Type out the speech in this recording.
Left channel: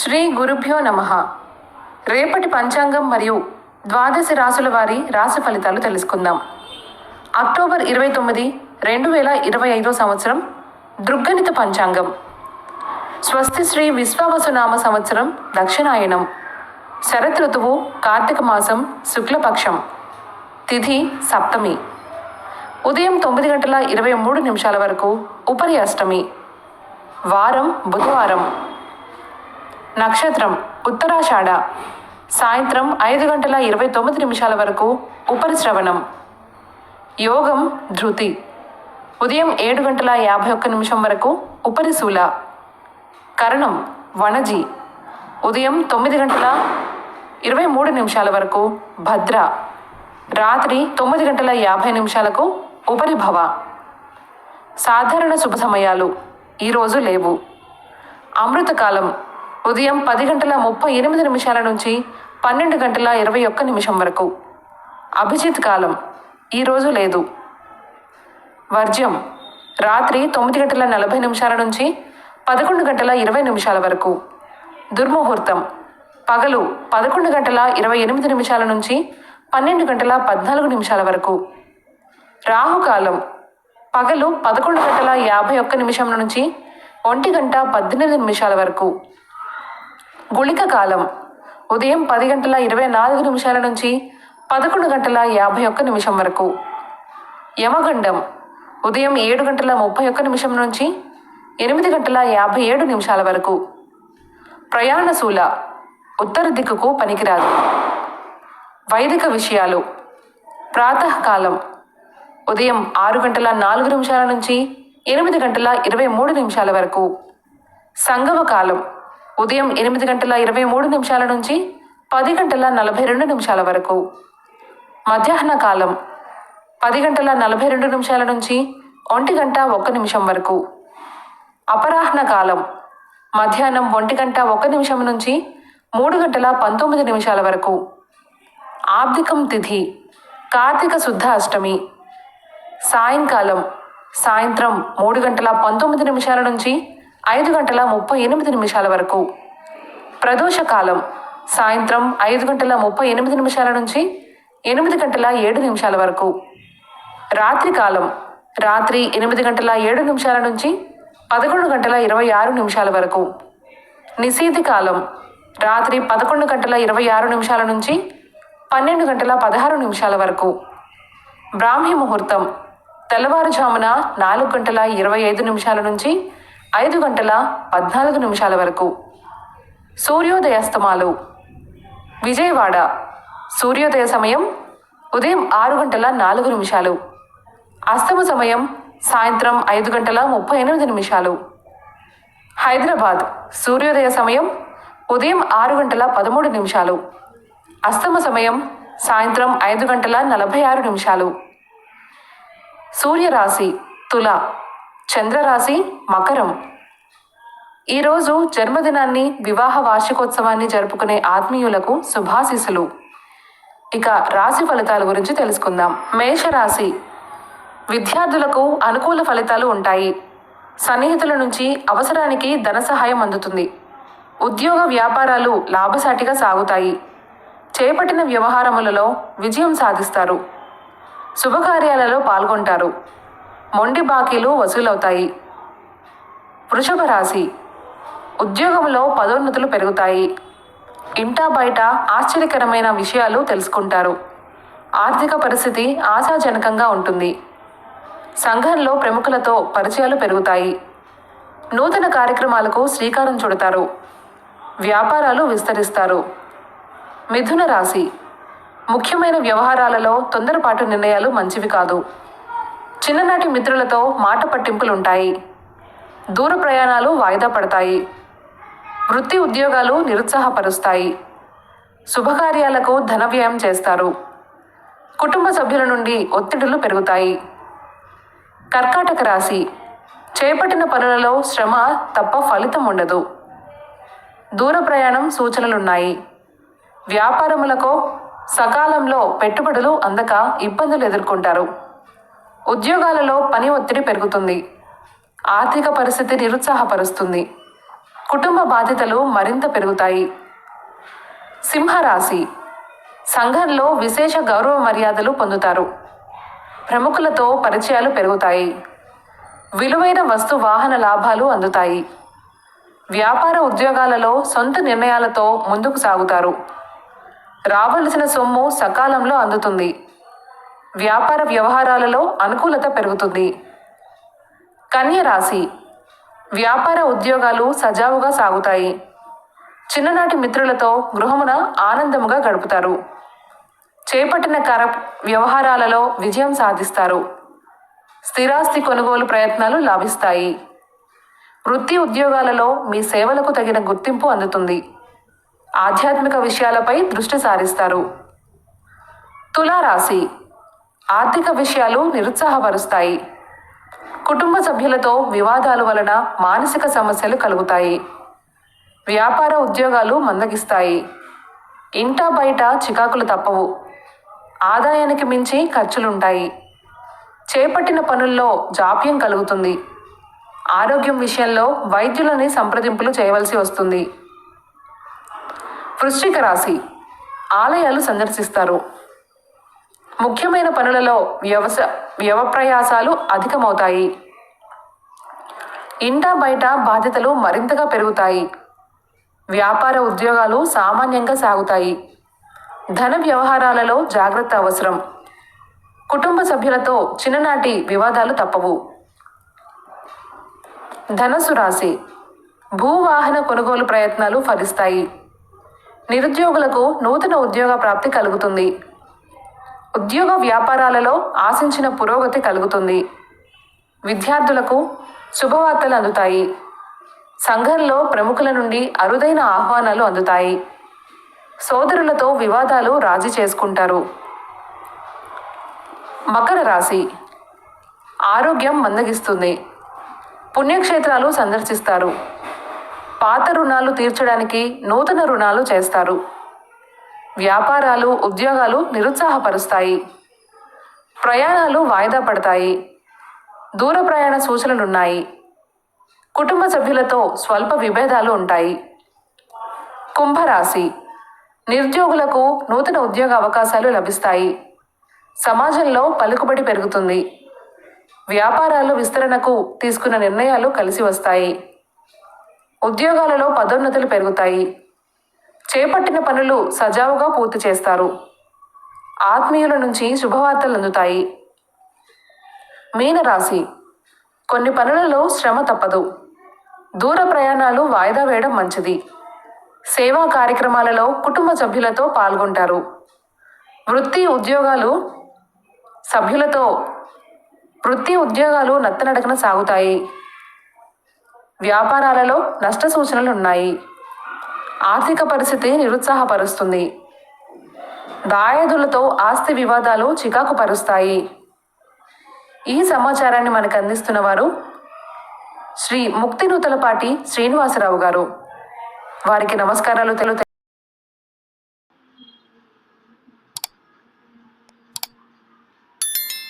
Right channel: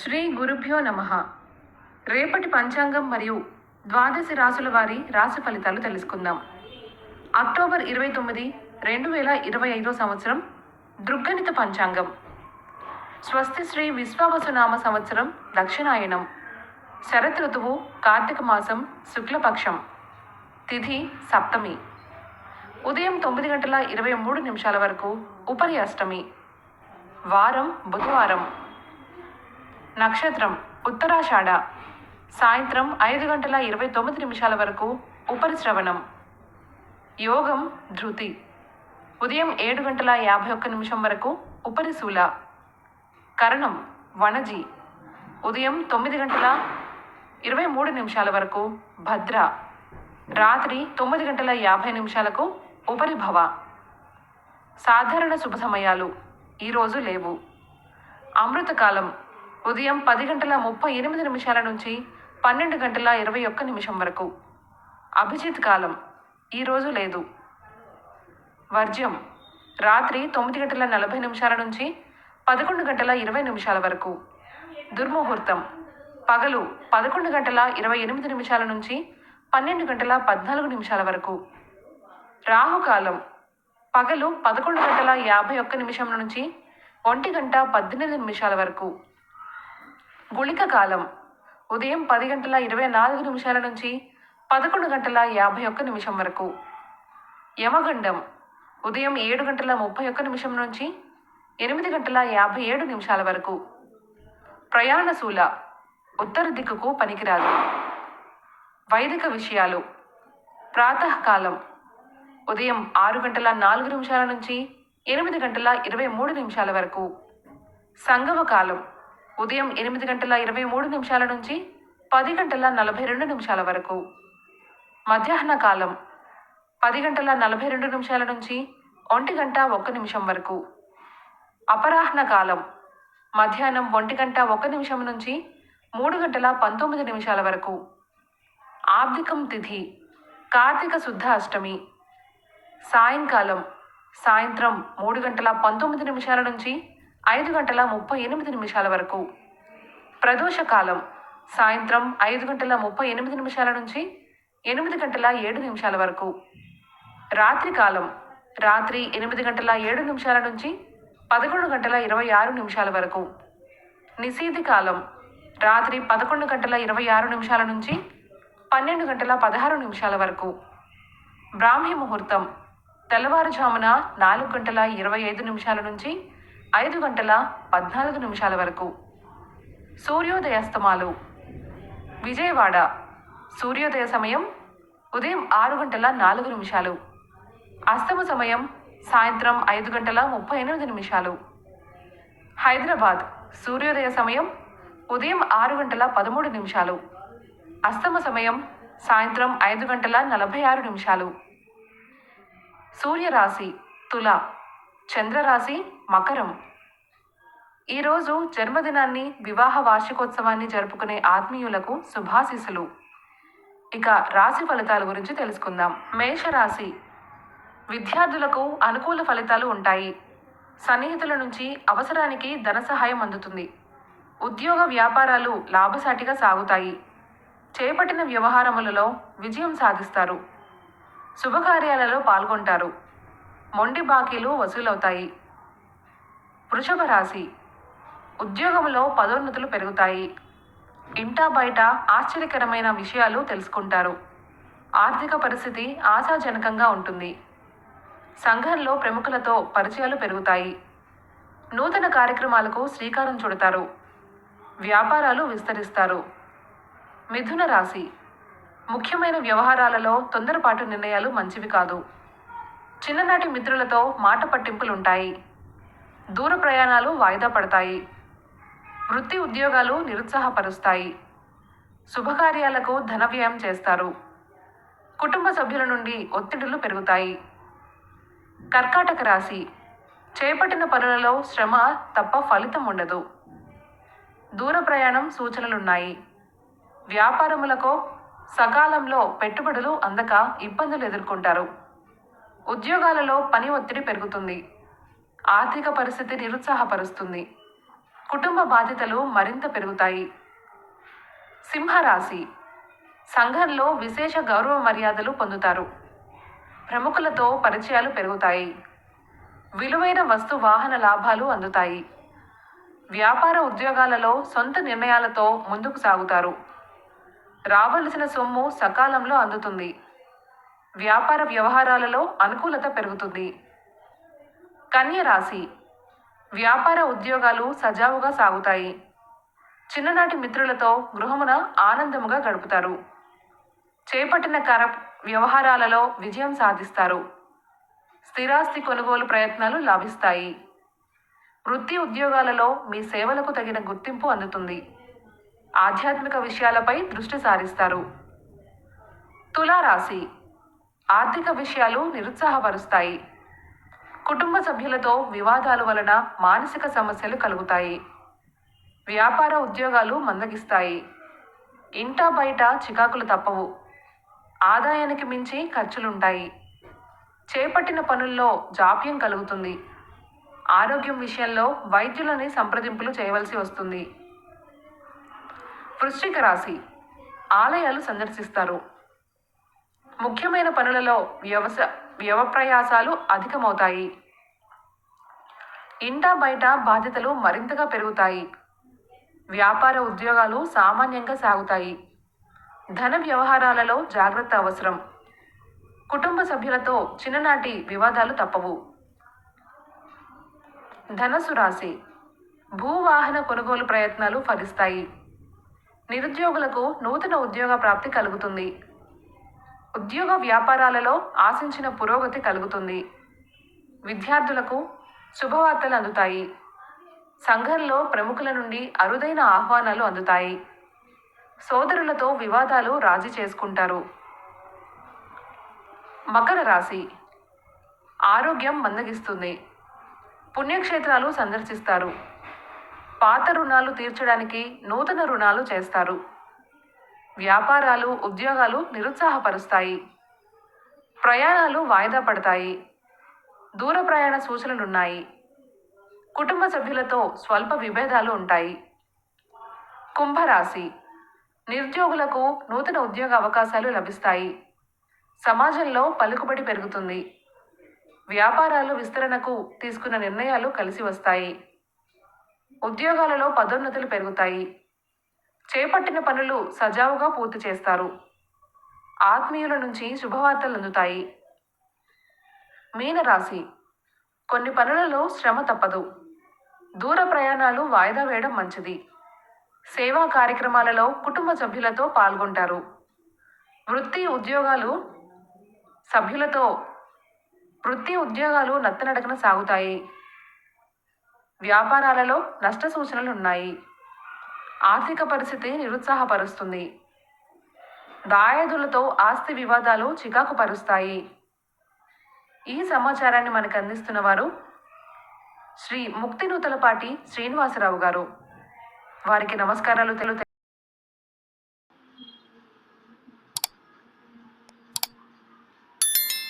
శ్రీ గురుభ్యో నమః. రేపటి పంచాంగం మరియు ద్వాదశ రాసుల వారి రాశి ఫలితాలు తెలుసుకుందాం. అక్టోబర్ 29, 2025 సంవత్సరం దృగ్గణిత పంచాంగం. స్వస్తి శ్రీ విశ్వావసునామ సంవత్సరం దక్షిణాయనం. శరత్ ఋతువు కార్తీక మాసం శుక్లపక్షం. తిథి సప్తమి. ఉదయం 9:23 వరకు ఉపరి అష్టమి. వారం బుధవారం. నక్షత్రం ఉత్తరాషాఢ. సాయంత్రం 5:29 వరకు ఉపరి శ్రవణం. యోగం ధృతి. ఉదయం 7:51 వరకు ఉపరి శూల. కరణం వణజి. ఉదయం 9:23 వరకు భద్ర. రాత్రి 9:50 ఉపరి భవ. సాధారణ శుభ సమయాలు ఈరోజు లేవు. అమృతకాలం ఉదయం 10:38 నుంచి 12:21 వరకు. అభిజిత్ కాలం ఈరోజు లేదు. వర్జ్యం రాత్రి 9:40 నుంచి 11:20 వరకు. దుర్ముహూర్తం పగలు 11:28 నుంచి 12:14 వరకు. రాహుకాలం పగలు 11:51 నుంచి 1:18 వరకు. గుళిక కాలం ఉదయం 10:24 నుంచి 11:51 వరకు. యమగండం ఉదయం 7:31 నుంచి 8:57 వరకు. ప్రయాణశూల ఉత్తర దిక్కుకు పనికిరాదు. వైదిక విషయాలు ప్రాతకాలం ఉదయం 6:04 నుంచి 8:23 వరకు. సంగమ కాలం ఉదయం 8:23 నుంచి 10:42 వరకు. మధ్యాహ్న కాలం 10:42 నుంచి 1:01 వరకు. అపరాహ్న కాలం మధ్యాహ్నం 1:01 నుంచి 3:19 వరకు. ఆబ్దికం తిథి కార్తీక శుద్ధ అష్టమి. సాయంకాలం సాయంత్రం 3:19 నుంచి 5:38 వరకు. ప్రదోషకాలం సాయంత్రం 5:38 నుంచి 8:07 వరకు. రాత్రికాలం రాత్రి 8:07 నుంచి 11:26 వరకు. నిశీతి కాలం రాత్రి 11:26 నుంచి 12:16 వరకు. బ్రాహ్మీ ముహూర్తం తెల్లవారుజామున 4:25 నుంచి 5:14 వరకు. సూర్యోదయాస్తమాలు విజయవాడ సూర్యోదయ సమయం ఉదయం 6:04. అస్తమ సమయం సాయంత్రం 5:38. హైదరాబాద్ సూర్యోదయ సమయం ఉదయం 6:13. అస్తమ సమయం సాయంత్రం 5:46. సూర్యరాశి తుల, చంద్రరాశి మకరం. ఈరోజు జన్మదినాన్ని, వివాహ వార్షికోత్సవాన్ని జరుపుకునే ఆత్మీయులకు శుభాశీస్సులు. ఇక రాశి ఫలితాల గురించి తెలుసుకుందాం. మేషరాశి విద్యార్థులకు అనుకూల ఫలితాలు ఉంటాయి. సన్నిహితుల నుంచి అవసరానికి ధన సహాయం అందుతుంది. ఉద్యోగ వ్యాపారాలు లాభసాటిగా సాగుతాయి. చేపట్టిన వ్యవహారములలో విజయం సాధిస్తారు. శుభకార్యాలలో పాల్గొంటారు. మొండి బాకీలు వసూలవుతాయి. వృషభ రాశి ఉద్యోగంలో పదోన్నతులు పెరుగుతాయి. ఇంటా బయట ఆశ్చర్యకరమైన విషయాలు తెలుసుకుంటారు. ఆర్థిక పరిస్థితి ఆశాజనకంగా ఉంటుంది. సంఘంలో ప్రముఖులతో పరిచయాలు పెరుగుతాయి. నూతన కార్యక్రమాలకు శ్రీకారం చుడతారు. వ్యాపారాలు విస్తరిస్తారు. మిథున రాశి ముఖ్యమైన వ్యవహారాలలో తొందరపాటు నిర్ణయాలు మంచివి కాదు. చిన్ననాటి మిత్రులతో మాట పట్టింపులుంటాయి. దూర ప్రయాణాలు వాయిదా పడతాయి. వృత్తి ఉద్యోగాలు నిరుత్సాహపరుస్తాయి. శుభకార్యాలకు ధన వ్యయం చేస్తారు. కుటుంబ సభ్యుల నుండి ఒత్తిడులు పెరుగుతాయి. కర్కాటక రాశి చేపట్టిన పనులలో శ్రమ తప్ప ఫలితం ఉండదు. దూర ప్రయాణం సూచనలున్నాయి. వ్యాపారములకు సకాలంలో పెట్టుబడులు అందక ఇబ్బందులు ఎదుర్కొంటారు. ఉద్యోగాలలో పని ఒత్తిడి పెరుగుతుంది. ఆర్థిక పరిస్థితి నిరుత్సాహపరుస్తుంది. కుటుంబ బాధ్యతలు మరింత పెరుగుతాయి. సింహరాశి సంఘంలో విశేష గౌరవ మర్యాదలు పొందుతారు. ప్రముఖులతో పరిచయాలు పెరుగుతాయి. విలువైన వస్తు వాహన లాభాలు అందుతాయి. వ్యాపార ఉద్యోగాలలో సొంత నిర్ణయాలతో ముందుకు సాగుతారు. రావలసిన సొమ్ము సకాలంలో అందుతుంది. వ్యాపార వ్యవహారాలలో అనుకూలత పెరుగుతుంది. కన్య రాశి వ్యాపార ఉద్యోగాలు సజావుగా సాగుతాయి. చిన్ననాటి మిత్రులతో గృహమున ఆనందముగా గడుపుతారు. చేపట్టిన వ్యవహారాలలో విజయం సాధిస్తారు. స్థిరాస్తి కొనుగోలు ప్రయత్నాలు లాభిస్తాయి. వృత్తి ఉద్యోగాలలో మీ సేవలకు తగిన గుర్తింపు అందుతుంది. ఆధ్యాత్మిక విషయాలపై దృష్టి సారిస్తారు. తులారాశి ఆర్థిక విషయాలు నిరుత్సాహపరుస్తాయి. కుటుంబ సభ్యులతో వివాదాల వలన మానసిక సమస్యలు కలుగుతాయి. వ్యాపార ఉద్యోగాలు మందగిస్తాయి. ఇంటా బయట చికాకులు తప్పవు. ఆదాయానికి మించి ఖర్చులుంటాయి. చేపట్టిన పనుల్లో జాప్యం కలుగుతుంది. ఆరోగ్యం విషయంలో వైద్యులని సంప్రదింపులు చేయవలసి వస్తుంది. వృశ్చిక రాశి ఆలయాలు సందర్శిస్తారు. ముఖ్యమైన పనులలో వ్యవప్రయాసాలు అధికమవుతాయి. ఇంటా బయట బాధ్యతలు మరింతగా పెరుగుతాయి. వ్యాపార ఉద్యోగాలు సామాన్యంగా సాగుతాయి. ధన వ్యవహారాలలో జాగ్రత్త అవసరం. కుటుంబ సభ్యులతో చిన్ననాటి వివాదాలు తప్పవు. ధనుసు రాశి భూవాహన కొనుగోలు ప్రయత్నాలు ఫలిస్తాయి. నిరుద్యోగులకు నూతన ఉద్యోగ ప్రాప్తి కలుగుతుంది. ఉద్యోగ వ్యాపారాలలో ఆశించిన పురోగతి కలుగుతుంది. విద్యార్థులకు శుభవార్తలు అందుతాయి. సంఘంలో ప్రముఖుల నుండి అరుదైన ఆహ్వానాలు అందుతాయి. సోదరులతో వివాదాలు రాజీ చేసుకుంటారు. మకర రాశి ఆరోగ్యం మందగిస్తుంది. పుణ్యక్షేత్రాలు సందర్శిస్తారు. పాత రుణాలు తీర్చడానికి నూతన రుణాలు చేస్తారు. వ్యాపారాలు ఉద్యోగాలు నిరుత్సాహపరుస్తాయి. ప్రయాణాలు వాయిదా పడతాయి. దూర ప్రయాణ సూచనలున్నాయి. కుటుంబ సభ్యులతో స్వల్ప విభేదాలు ఉంటాయి. కుంభరాశి నిరుద్యోగులకు నూతన ఉద్యోగ అవకాశాలు లభిస్తాయి. సమాజంలో పలుకుబడి పెరుగుతుంది. వ్యాపారాలు విస్తరణకు తీసుకున్న నిర్ణయాలు కలిసి వస్తాయి. ఉద్యోగాలలో పదోన్నతులు పెరుగుతాయి. చేపట్టిన పనులు సజావుగా పూర్తి చేస్తారు. ఆత్మీయుల నుంచి శుభవార్తలు అందుతాయి. మీనరాశి కొన్ని పనులలో శ్రమ తప్పదు. దూర ప్రయాణాలు వాయిదా వేయడం మంచిది. సేవా కార్యక్రమాలలో కుటుంబ సభ్యులతో పాల్గొంటారు. వృత్తి ఉద్యోగాలు నత్తనడకన సాగుతాయి. వ్యాపారాలలో నష్ట సూచనలు ఉన్నాయి. ఆర్థిక పరిస్థితి నిరుత్సాహపరుస్తుంది. దాయాదులతో ఆస్తి వివాదాలు చికాకు పరుస్తాయి. ఈ సమాచారాన్ని మనకు అందిస్తున్న వారు శ్రీ ముక్తినూతలపాటి శ్రీనివాసరావు గారు. వారికి నమస్కారాలు